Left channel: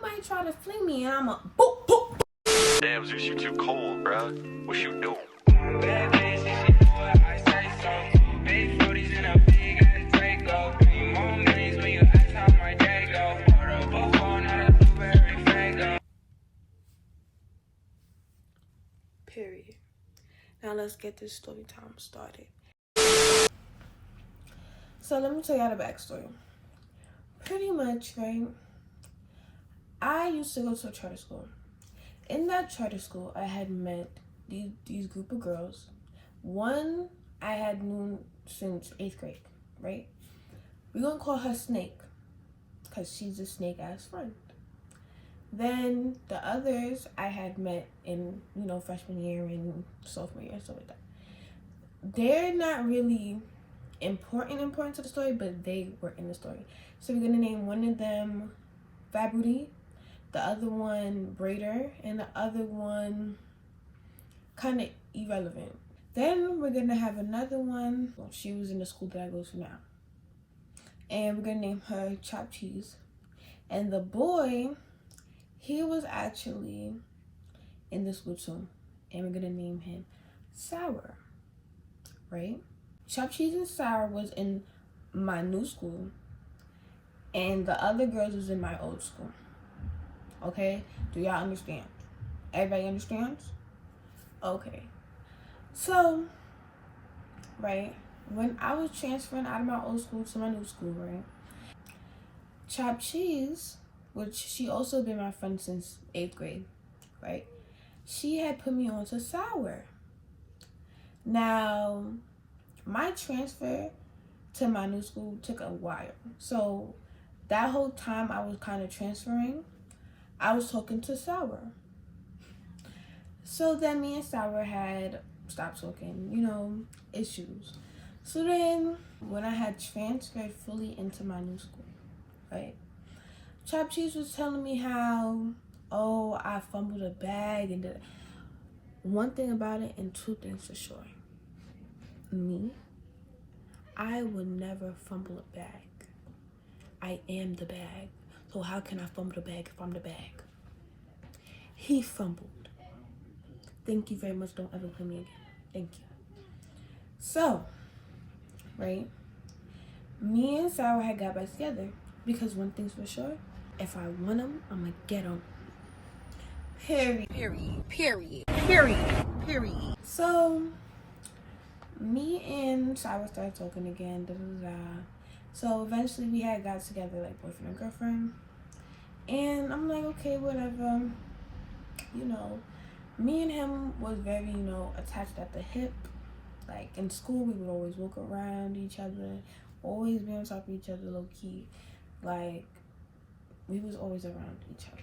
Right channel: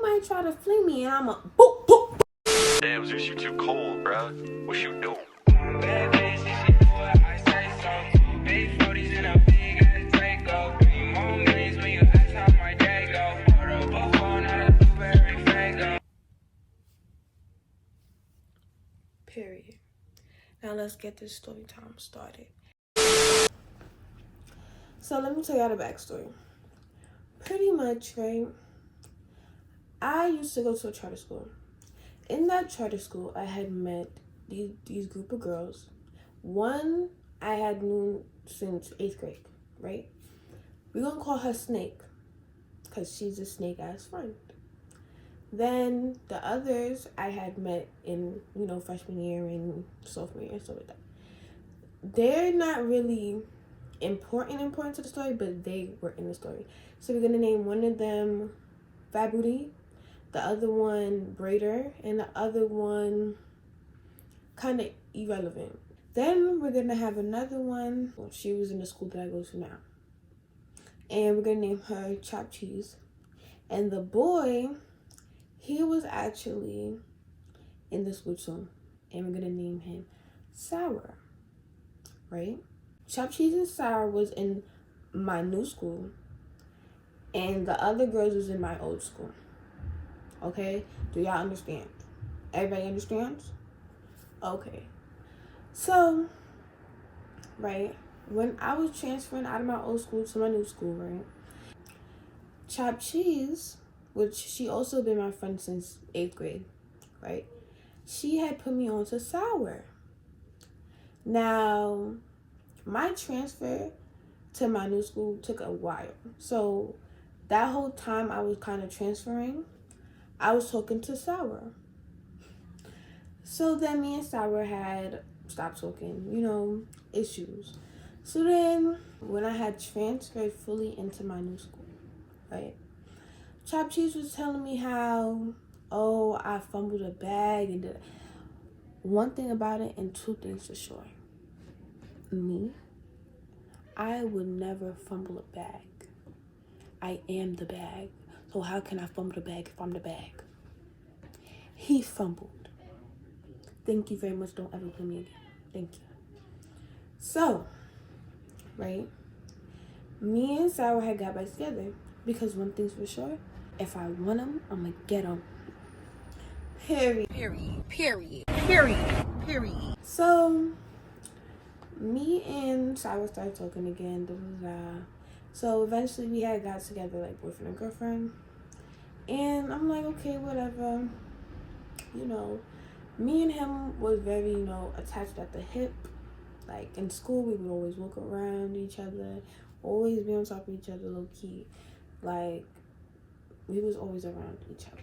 you might try to flee me and I'm a boop, boop, boop. Damn, Zeus, you too cold, bruh. What you doing? Bad bitch, if she do what I say so. Big 40s in a big ass Draco. 3 more millions when you ask how my day go. Order a buffalo, not a blueberry fago. Period. Now let's get this story time started. So let me tell y'all the backstory. Pretty much, right? I used to go to a charter school. In that charter school, I had met these group of girls. One I had known since 8th grade, right? We're gonna call her Snake, because she's a snake-ass friend. Then the others I had met in, freshman year and sophomore year, stuff like that. They're not really important to the story, but they were in the story. So we're gonna name one of them Fat Booty, the other one Braider, and the other one kind of irrelevant. Then we're gonna have another one. Well, she was in the school that I go to now, and we're gonna name her Chopped Cheese. And the boy, he was actually in the school too, and we're gonna name him Sour, right? Chopped Cheese and Sour was in my new school, and the other girls was in my old school. Okay, do y'all understand? Everybody understands? Okay. So, right, when I was transferring out of my old school to my new school, right, Chopped Cheese, which she also been my friend since 8th grade, right, she had put me on to Sour. Now, my transfer to my new school took a while. So, that whole time I was kind of transferring, I was talking to Sour. So then me and Sour had stopped talking, issues. So then when I had transferred fully into my new school, right, Chopped Cheese was telling me how, I fumbled a bag and did one thing about it and two things for sure. Me, I would never fumble a bag. I am the bag. So how can I fumble the bag if I'm the bag? He fumbled. Thank you very much. Don't ever play me again. Thank you. So, right, me and Sour had got back together because one thing's for sure, if I want him, I'm gonna get him. Period. So, me and Sour started talking again. So eventually we had got together like boyfriend and girlfriend. And I'm like, okay, whatever. Me and him was very, attached at the hip. Like in school, we would always walk around each other, always be on top of each other, low key. Like, we was always around each other,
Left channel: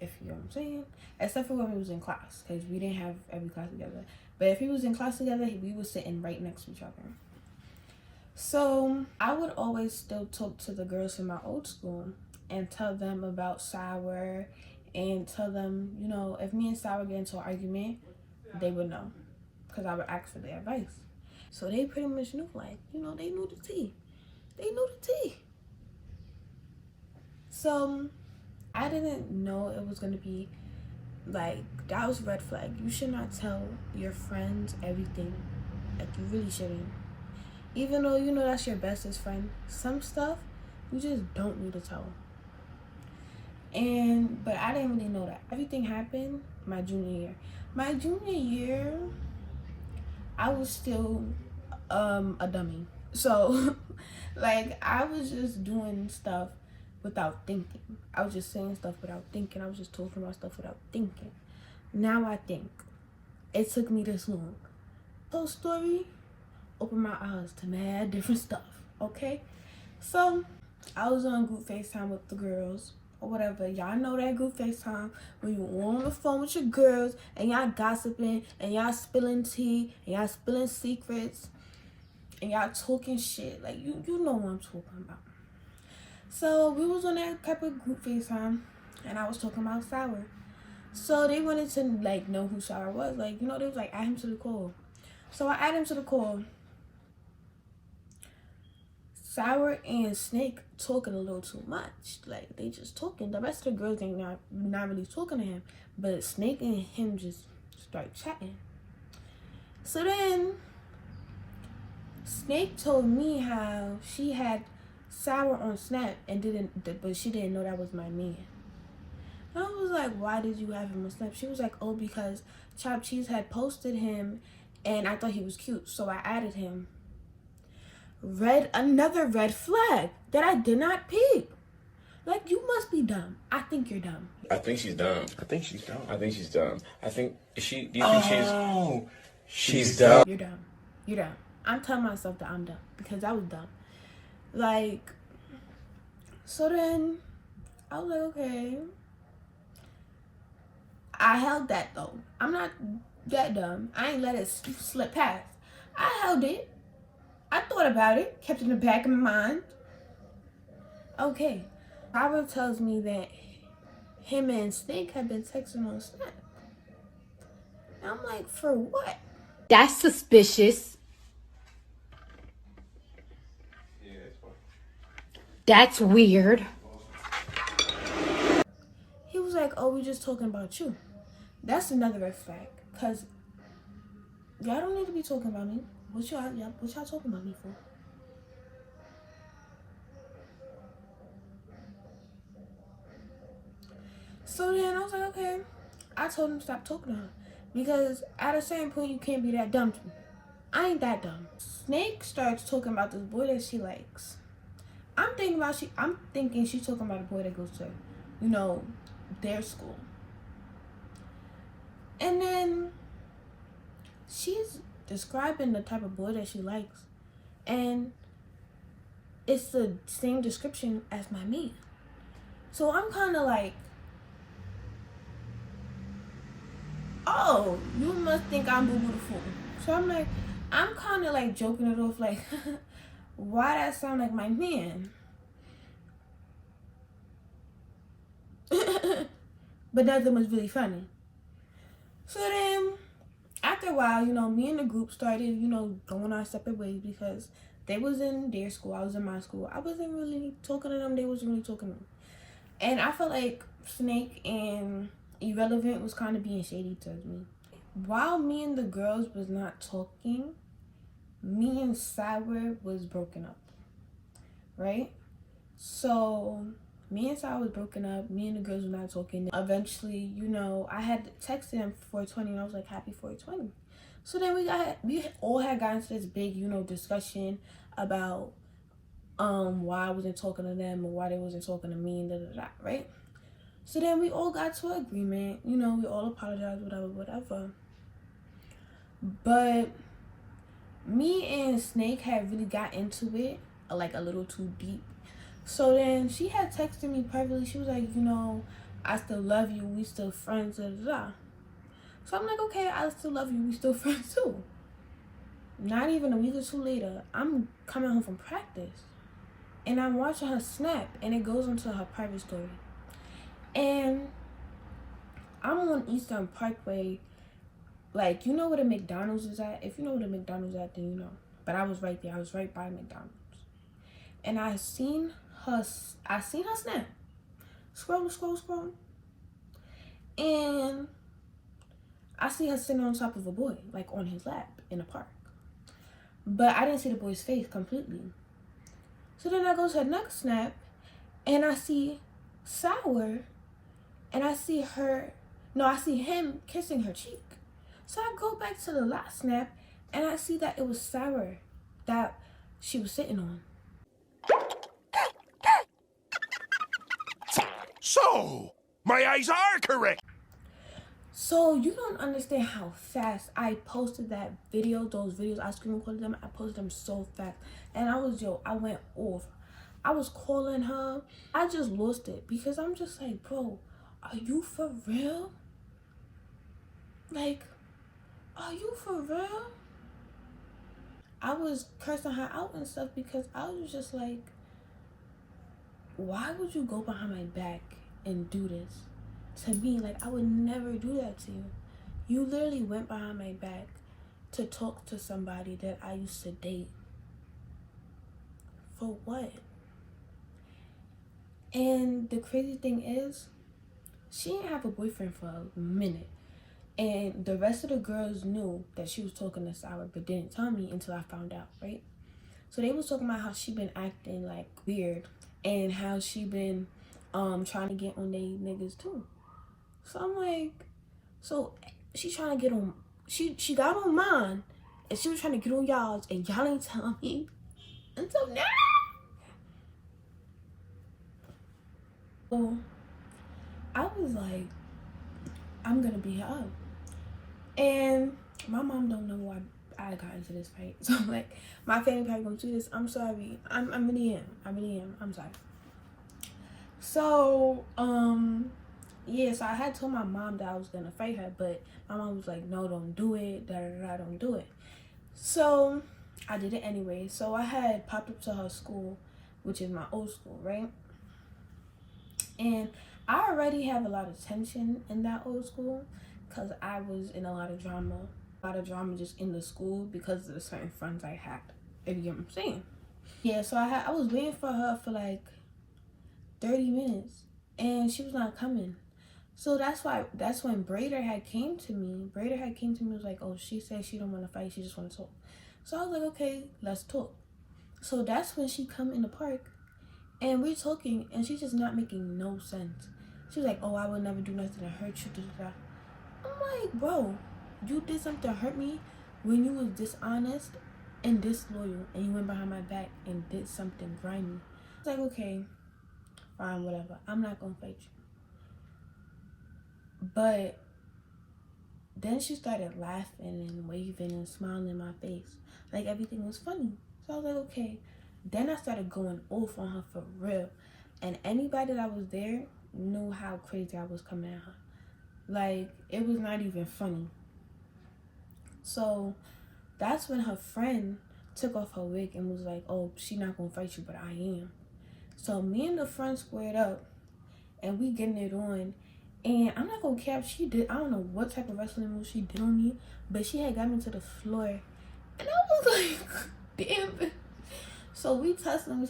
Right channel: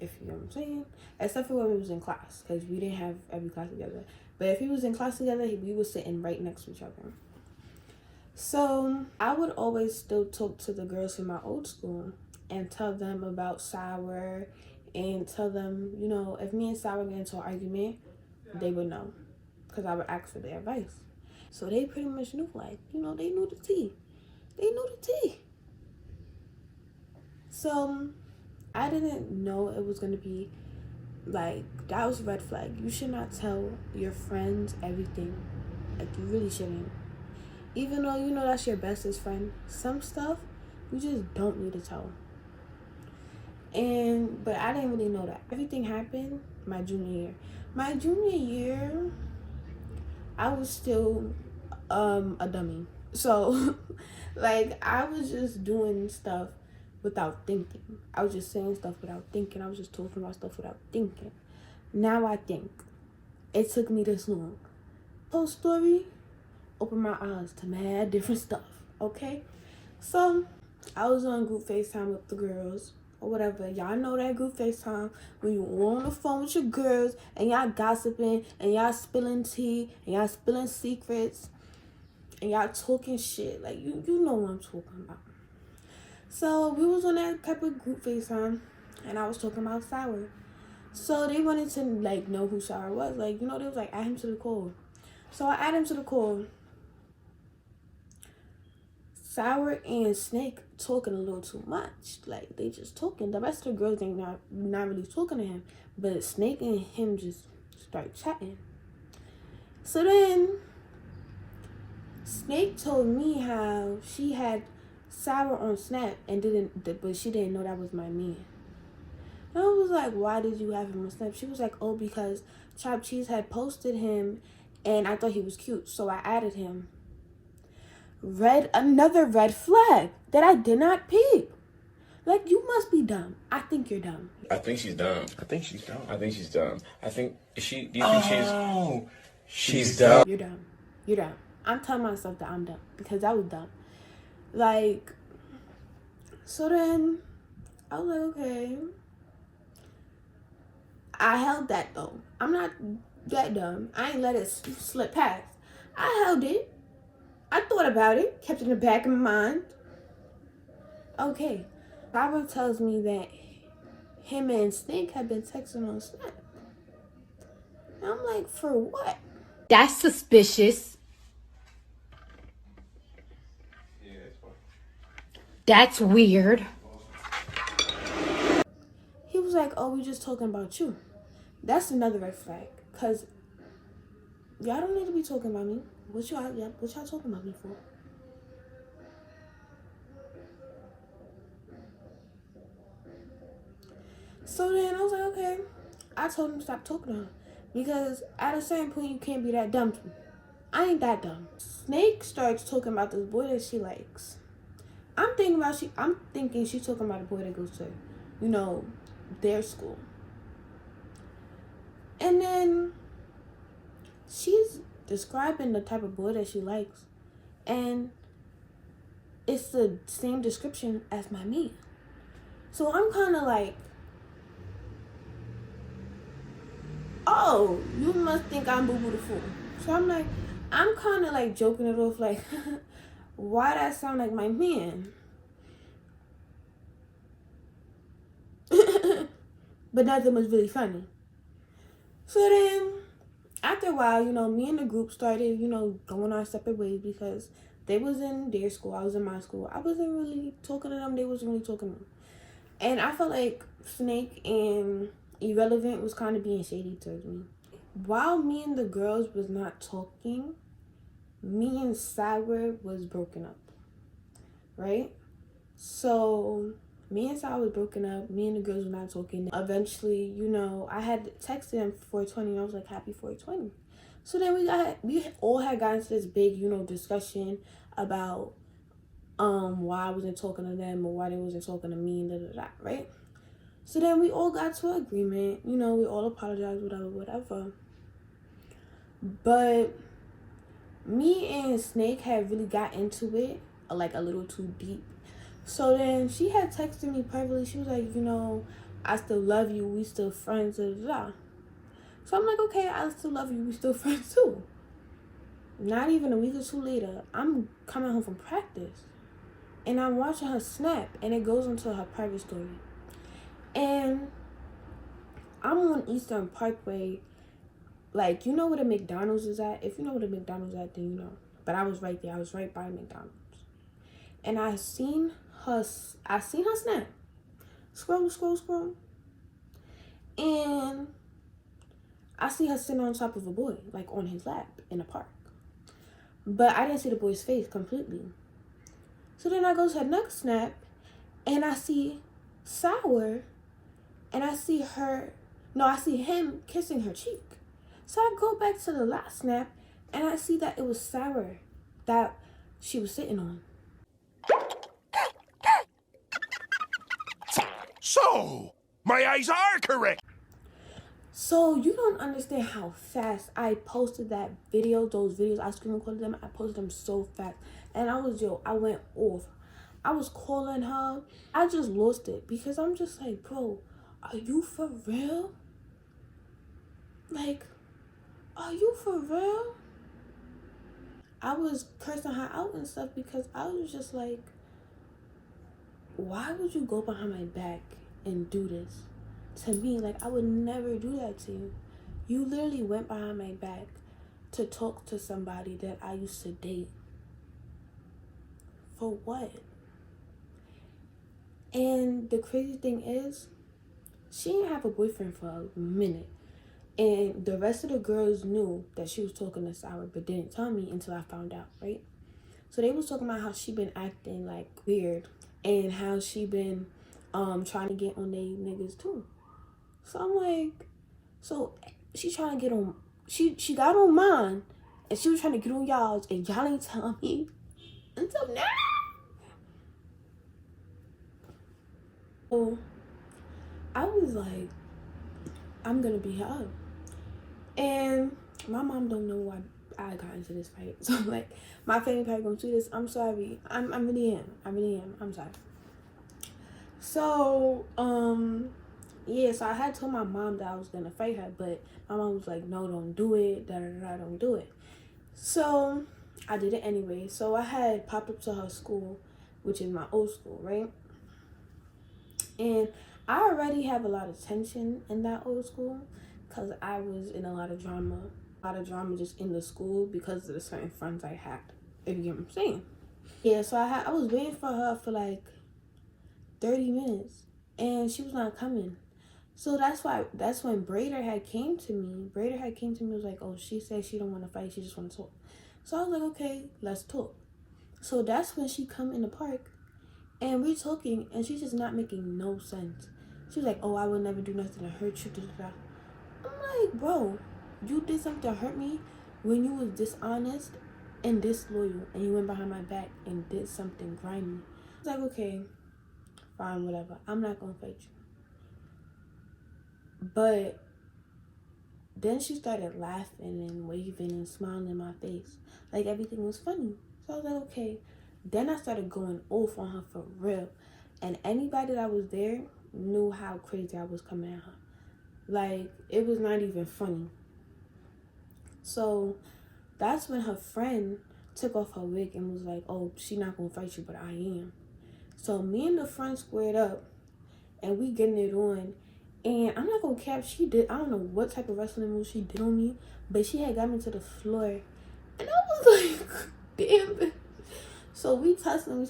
if you know what I'm saying. Except for when we was in class, because we didn't have every class together. But if we was in class together, we was sitting right next to each other. So I would always still talk to the girls from my old school and tell them about Sour and tell them, if me and Sour get into an argument, they would know because I would ask for their advice. So they pretty much knew, like, they knew the tea. So I didn't know it was going to be like, that was a red flag. You should not tell your friends everything. Like, you really shouldn't. Even though that's your bestest friend, some stuff you just don't need to tell. But I didn't really know that. Everything happened my junior year. My junior year, I was still a dummy. So, like, I was just doing stuff without thinking. I was just saying stuff without thinking. I was just talking about stuff without thinking. Now I think. It took me this long. Whole story opened my eyes to mad different stuff, okay? So, I was on group FaceTime with the girls, or whatever. Y'all know that group FaceTime when you on the phone with your girls, and y'all gossiping, and y'all spilling tea, and y'all spilling secrets, and y'all talking shit. Like, you know what I'm talking about. So, we was on that type of group FaceTime, and I was talking about Sour. So, they wanted to, like, know who Sour was. Like, they was like, add him to the call. So, I add him to the call. Sour and Snake talking a little too much. Like, they just talking. The rest of the girls ain't not really talking to him. But Snake and him just start chatting. So then, Snake told me how she had Sour on Snap but she didn't know that was my man. And I was like, why did you have him on Snap? She was like, oh, because Chopped Cheese had posted him and I thought he was cute, so I added him. Another red flag that I did not peep. Like, you must be dumb. I think you're dumb. I think she's dumb. I think she's dumb. I think she's dumb. I think, do you think Oh, she's dumb? You're dumb. You're dumb. I'm telling myself that I'm dumb because I was dumb. Like, so then I was like, okay. I held that though. I'm not that dumb. I ain't let it slip past. I held it. I thought about it. Kept it in the back of my mind. Okay. Robert tells me that him and Snake have been texting on Snap. And I'm like, for what? That's suspicious. Yeah, that's fine. That's weird. He was like, oh, we just talking about you. That's another red flag. Because y'all don't need to be talking about me. What y'all talking about me for? So then I was like, okay. I told him to stop talking to her. Because at a certain point, you can't be that dumb to me. I ain't that dumb. Snake starts talking about this boy that she likes. I'm thinking she's talking about a boy that goes to, you know, their school. And then she's describing the type of boy that she likes. And it's the same description as my man. So I'm kind of like, oh, you must think I'm Boo Boo the Fool. So I'm kind of like joking it off like, why that sound like my man? But nothing was really funny. So then, after a while, you know, me and the group started, you know, going our separate ways because they was in their school, I was in my school. I wasn't really talking to them, they wasn't really talking to me. And I felt like Snake and Irrelevant was kind of being shady towards me. While me and the girls was not talking, me and Sour was broken up, right? So me and Sour was broken up, me and the girls were not talking. Eventually, you know, I had texted him for 420 and I was like, happy 420. So then we all had gotten into this big, you know, discussion about why I wasn't talking to them or why they wasn't talking to me and right? So then we all got to an agreement, you know, we all apologized, whatever. But me and Snake had really got into it, like a little too deep. So then she had texted me privately. She was like, you know, I still love you. We still friends. So I'm like, okay, I still love you. We still friends too. Not even a week or two later, I'm coming home from practice. And I'm watching her Snap. And it goes into her private story. And I'm on Eastern Parkway. Like, you know where the McDonald's is at? If you know where the McDonald's is at, then you know. But I was right there. I was right by McDonald's. And I seen her Snap. Scroll. And I see her sitting on top of a boy, like on his lap in the park. But I didn't see the boy's face completely. So then I go to her next Snap, and I see Sour, and I see him kissing her cheek. So I go back to the last Snap, and I see that it was Sour that she was sitting on. So, my eyes are correct. So you don't understand how fast I posted those videos, I screen recorded them, I posted them so fast. And I went off. I was calling her. I just lost it because I'm just like, bro, are you for real? Like, are you for real? I was cursing her out and stuff because I was just like, why would you go behind my back and do this to me? Like, I would never do that to you. You literally went behind my back to talk to somebody that I used to date For what? And the crazy thing is, she didn't have a boyfriend for a minute. And the rest of the girls knew that she was talking to Sour, but didn't tell me until I found out, right? So they was talking about how she been acting like weird and how she been trying to get on they niggas too. So I'm like, so she trying to get on, she got on mine and she was trying to get on y'all's and y'all ain't telling me until now. So I was like, I'm gonna beat her up. And my mom don't know why I got into this fight. So like, my family probably gonna see this. I'm sorry. I really am. I'm sorry. So yeah, so I had told my mom that I was gonna fight her, but my mom was like, no, don't do it, don't do it. So I did it anyway. So I had popped up to her school, which is my old school, right? And I already have a lot of tension in that old school because I was in a lot of drama just in the school because of the certain friends I had, if you get what I'm saying. Yeah, so I was waiting for her for like 30 minutes and she was not coming. So that's when Braider had came to me. Was like, oh, she said she don't want to fight, she just want to talk. So I was like, okay, let's talk. So that's when she come in the park and we're talking and she's just not making no sense. She's like, oh, I would never do nothing to hurt you. I'm like, bro, you did something to hurt me when you was dishonest and disloyal and you went behind my back and did something grimy. I was like, okay, fine, whatever. I'm not gonna fight you. But then she started laughing and waving and smiling in my face like everything was funny. So I was like, okay. Then I started going off on her for real. And anybody that was there knew how crazy I was coming at her. Like, it was not even funny. So that's when her friend took off her wig and was like, oh, she not gonna fight you, but I am. So me and the friend squared up and we getting it on. And I'm not gonna cap, she did, I don't know what type of wrestling move she did on me, but she had got me to the floor. And I was like, damn. So we tussling.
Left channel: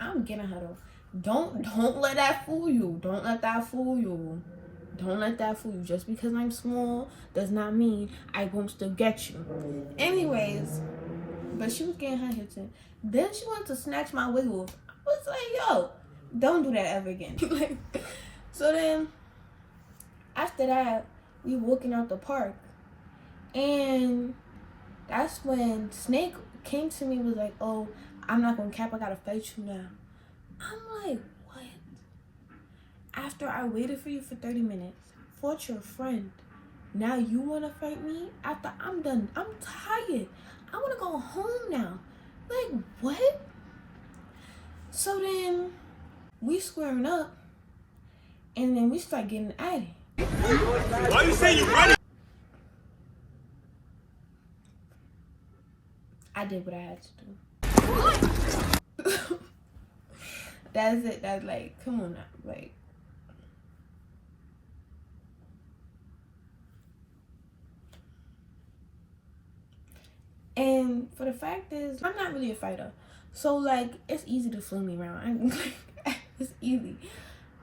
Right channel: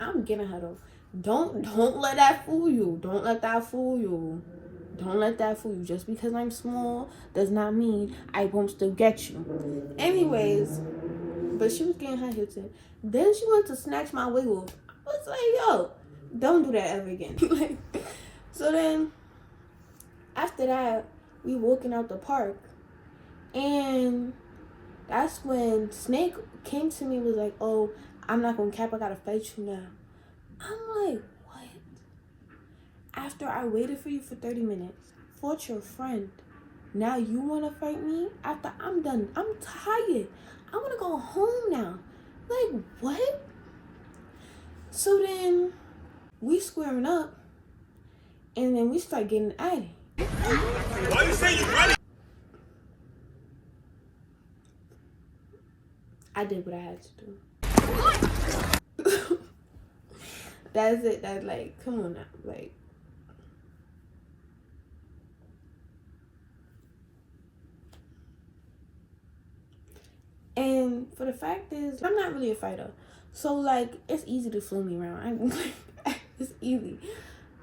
I'm getting her though. Don't let that fool you. Don't let that fool you. Just because I'm small does not mean I won't still get you. Anyways, but she was getting her hits in. Then she went to snatch my wig off. I was like, yo, don't do that ever again. So then after that, we walking out the park. And that's when Snake came to me, was like, oh, I'm not gonna cap, I gotta fight you now. I'm like, what? After I waited for you for 30 minutes, fought your friend, now you wanna fight me? After I'm done, I'm tired. I wanna go home now. Like, what? So then we squaring up and then we start getting at it. Why you say you running? I did what I had to do. That's it. That's like, come on now. Like, and for the fact is, I'm not really a fighter. So like, it's easy to fling me around. It's easy.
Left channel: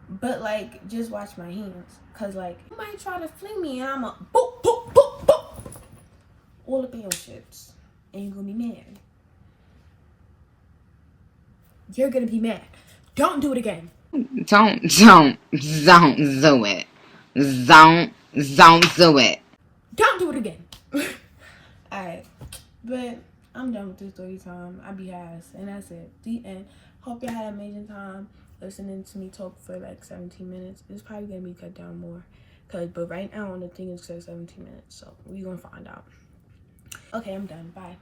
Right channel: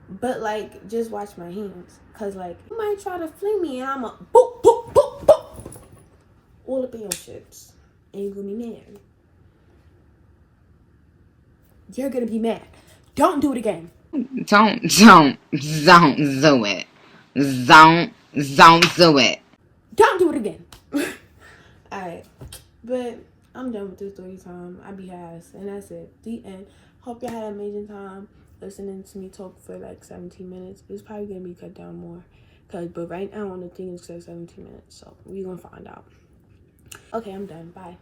But like, just watch my hands. Cause like, you might try to fling me and I'm a boop, boop, boop, boop. All up in your shits. And you're gonna be mad. You're gonna be mad. Don't do it again. Don't do it. Don't do it. Don't do it again. Alright. But I'm done with this story time. I be ass. And that's it. The end. Hope y'all had an amazing time listening to me talk for like 17 minutes. It's probably gonna be cut down more. But right now on the thing it says 17 minutes. So we're gonna find out. Okay, I'm done. Bye.